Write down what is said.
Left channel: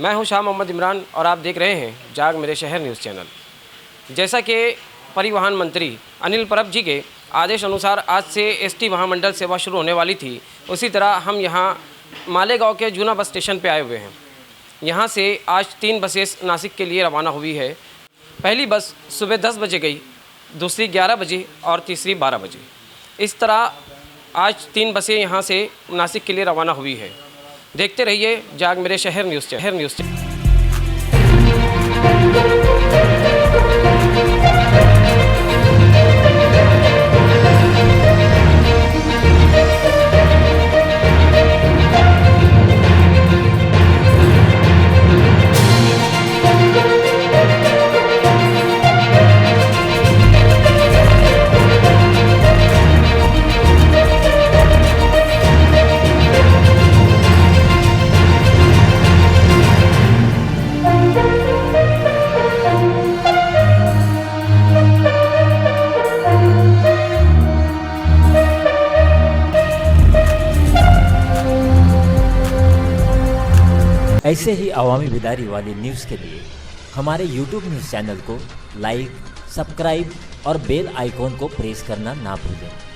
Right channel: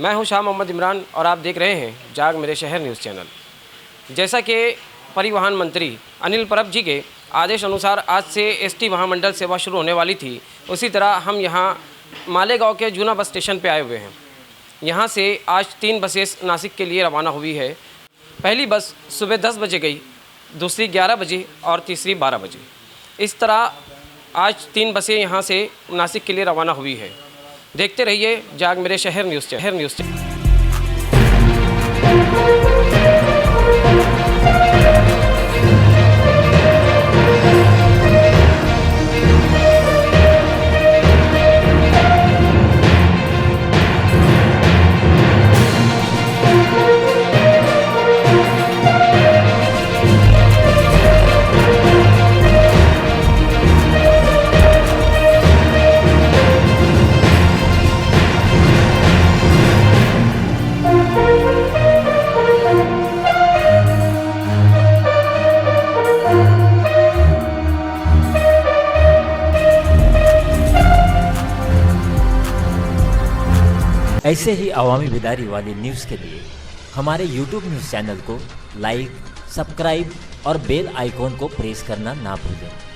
मैं हूं शाह मोहम्मद इमरान और आप देख रहे हैं जाग मेरे शहर न्यूज़ चैनल। जैसा कि परिवहन मंत्री अनिल परब जी के आदेश अनुसार आज से एसटी महामंडल सेवा शुरू होने वाली थी, उसी तरह हम यहां मालेगांव के जूना बस स्टेशन पे आए हुए हैं। यहां से आज 3 बसें नासिक के लिए रवाना हुई है। पहली बस सुबह 10 बजे गई, दूसरी 11 बजे और तीसरी 12 बजे। इस तरह आज 3 बसें यहां से नासिक के लिए रवाना हुई है। देखते रहिए जाग मेरे शहर न्यूज़। ऐसे ही अवामी बेदारी वाली न्यूज़ के लिए हमारे YouTube न्यूज़ चैनल को लाइक, सब्सक्राइब और बेल आइकॉन को प्रेस करना ना भूलें।